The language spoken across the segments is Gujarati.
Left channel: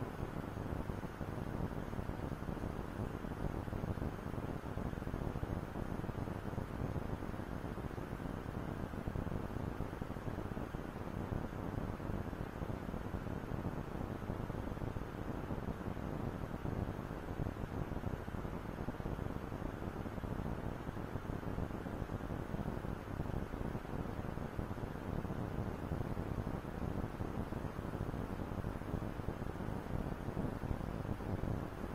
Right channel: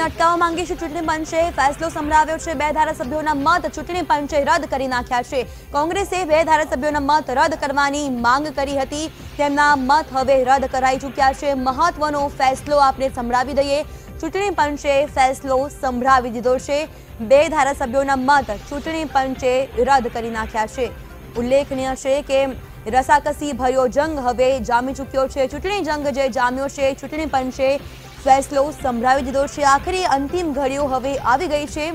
ચૂંટણીને અટકાવવા માંગે છે ચૂંટણી પંચે ફેસલો સંભળાવ્યો છે। 2 ધારાસભ્યોના મત ચૂંટણી પંચે રદ કરી નાખ્યા છે। કોંગ્રેસે 2 ધારાસભ્યોના મત રદ કરવાની માંગ કરી હતી, તેમના મત હવે રદ કરાઈ ચૂક્યા છે। મહત્વનો ફેસલો આપણે સંભળાવી દઈએ। ચૂંટણી પંચે ફેસલો સંભળાવી દીધો છે। 2 ધારાસભ્યોના મત ચૂંટણી પંચે રદ કરી નાખ્યા છે। ઉલ્લેખનીય છે કે રસાકસી ભર્યો જંગ હવે જામી ચૂક્યો છે। ચૂંટણી જંગ જે જામ્યો છે, ચૂંટણી પંચે ફેસલો સંભળાવી દીધો છે। આખરી અંતિમ ઘડીઓ હવે આવી ગઈ છે।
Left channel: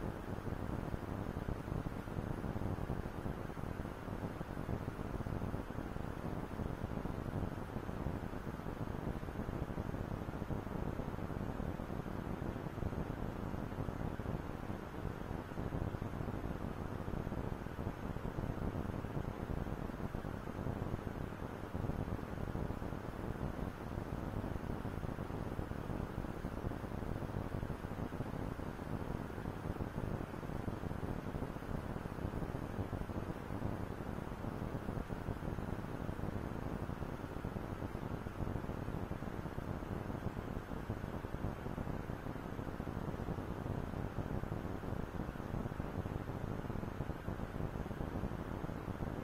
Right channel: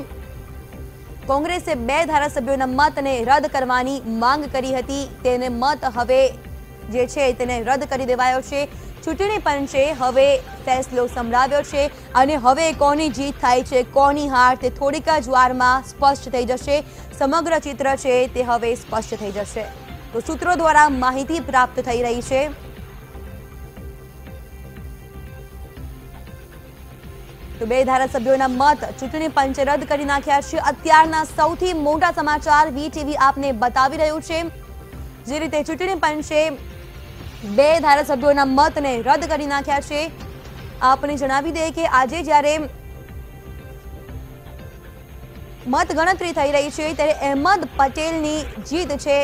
કોંગ્રેસે 2 ધારાસભ્યોના મતને રદ કરવાની માંગ કરી હતી, તેને મત હવે જે છે તેને રદ કરી દેવાયો છે। ચૂંટણી પંચે હવે ફેસલો સંભળાવ્યો છે અને હવે કોની જીત થાય છે, કોની હાર તે થોડીક જ વારમાં સ્પષ્ટ થઈ જશે। સમગ્ર ચિત્ર છે તે હવે સ્પષ્ટ થઈ જશે। તો સૂત્રો દ્વારા માહિતી પ્રાપ્ત થઈ રહી છે। તો 2 ધારાસભ્યોના મત ચૂંટણી પંચે રદ કરી નાખ્યા છે। અત્યારના સૌથી મોટા સમાચાર વીટીવી આપને બતાવી રહ્યું છે। જે રીતે ચૂંટણી પંચે 2 ધારાસભ્યોના મતને રદ કરી નાખ્યા છે। આપને જણાવી દઈએ કે આજે જ્યારે મત ગણતરી થઈ રહી છે ત્યારે અહેમદ પટેલની જીત છે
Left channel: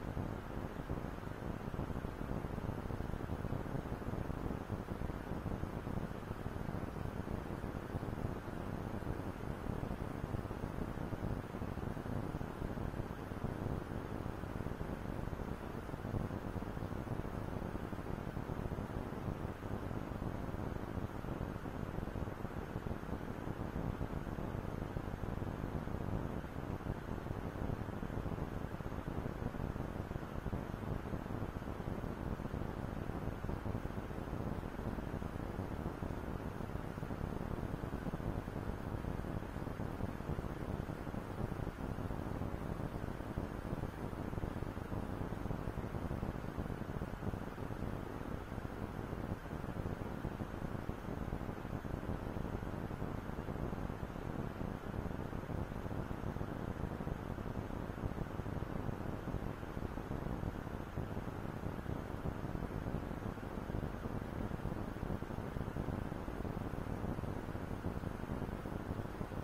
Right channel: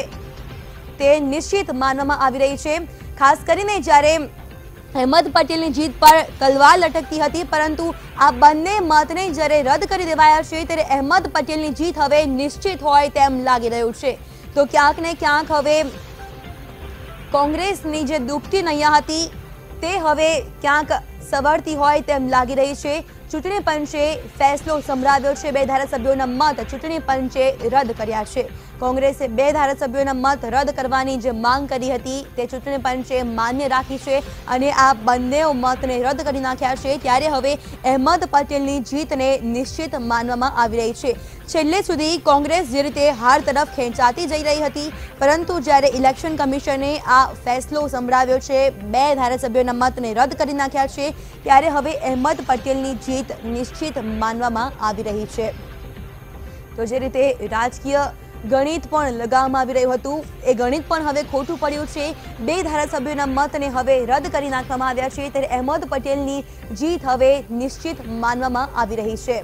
તે નિશ્ચિત માનવામાં આવી રહી છે। ખાસ કરીને જ્યારે અહેમદ પટેલની જીત પર તલવાર લટકતી હતી, પરંતુ આ બંને મતને જ્યારે રદ કરી દેવાયા છે ત્યારે અહેમદ પટેલની જીત હવે નિશ્ચિત હોય તેમ લાગી રહ્યું છે। તો ક્યાંક ને ક્યાંક હવે કોંગ્રેસની જે દુપટી નૈયા હતી તે હવે ક્યાંક સવરતી હોય તેમ લાગી રહી છે। ચૂંટણી પંચે ફેસલો સંભળાવ્યો છે। 2 ધારાસભ્યોના મત ચૂંટણી પંચે રદ કર્યા છે। કોંગ્રેસે 2 ધારાસભ્યોના મત રદ કરવાની જે માંગ કરી હતી તે ચૂંટણી પંચે માન્ય રાખી છે અને આ બંને મતને રદ કરી નાખ્યા છે। ત્યારે હવે અહેમદ પટેલની જીતને નિશ્ચિત માનવામાં આવી રહી છે। છેલ્લે સુધી કોંગ્રેસ જે રીતે હાર તરફ ખેંચાતી જઈ રહી હતી, પરંતુ જ્યારે ઇલેક્શન કમિશને આ ફેસલો સંભળાવ્યો છે, 2 ધારાસભ્યોના મતને રદ કરી નાખ્યા છે, ત્યારે હવે અહેમદ પટેલની જીત નિશ્ચિત માનવામાં આવી રહી છે। તો જે રીતે રાજકીય ગણિત પણ લગાવવામાં આવી રહ્યું હતું, એ ગણિત પણ હવે ખોટું પડ્યું છે। 2 ધારાસભ્યોના મતને હવે રદ કરી નાખવામાં આવ્યા છે, ત્યારે અહેમદ પટેલની જીત હવે નિશ્ચિત માનવામાં આવી રહી છે।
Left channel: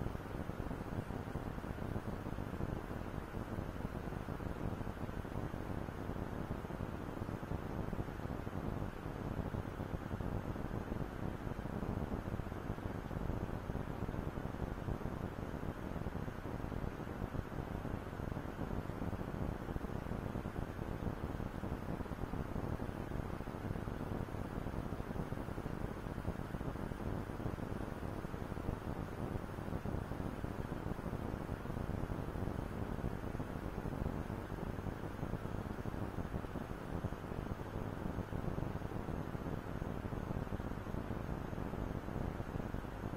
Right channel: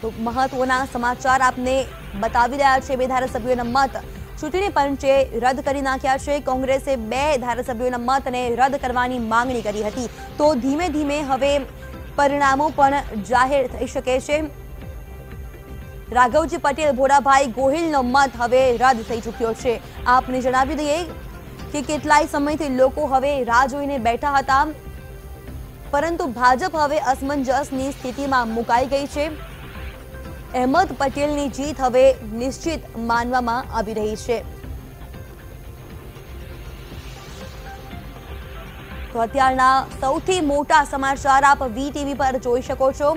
તો મહત્વના સમાચાર આપને બતાવી રહ્યા છે। 2 ધારાસભ્યોના મત ચૂંટણી પંચે રદ કરી નાખ્યા છે। કોંગ્રેસે 2 ધારાસભ્યોના મતને રદ કરવાની માંગણી કરી હતી, તો ધીમે ધીમે હવે પરિણામો પણ જાહેર થઈ શકે છે। રાઘવજી પટેલ, ભોળાભાઈ ગોહિલનો મત હવે રદ થઈ ચૂક્યો છે। આપને જણાવી દઈએ કે કેટલાય સમયથી લોકો હવે રાહ જોઈને બેઠા હતા, પરંતુ ભાજપ હવે અસમંજસની સ્થિતિમાં મુકાઈ ગઈ છે। અહેમદ પટેલની જીત હવે નિશ્ચિત માનવામાં આવી રહી છે। તો અત્યારના સૌથી મોટા સમાચાર આપ વીટીવી પર જોઈ શકો છો।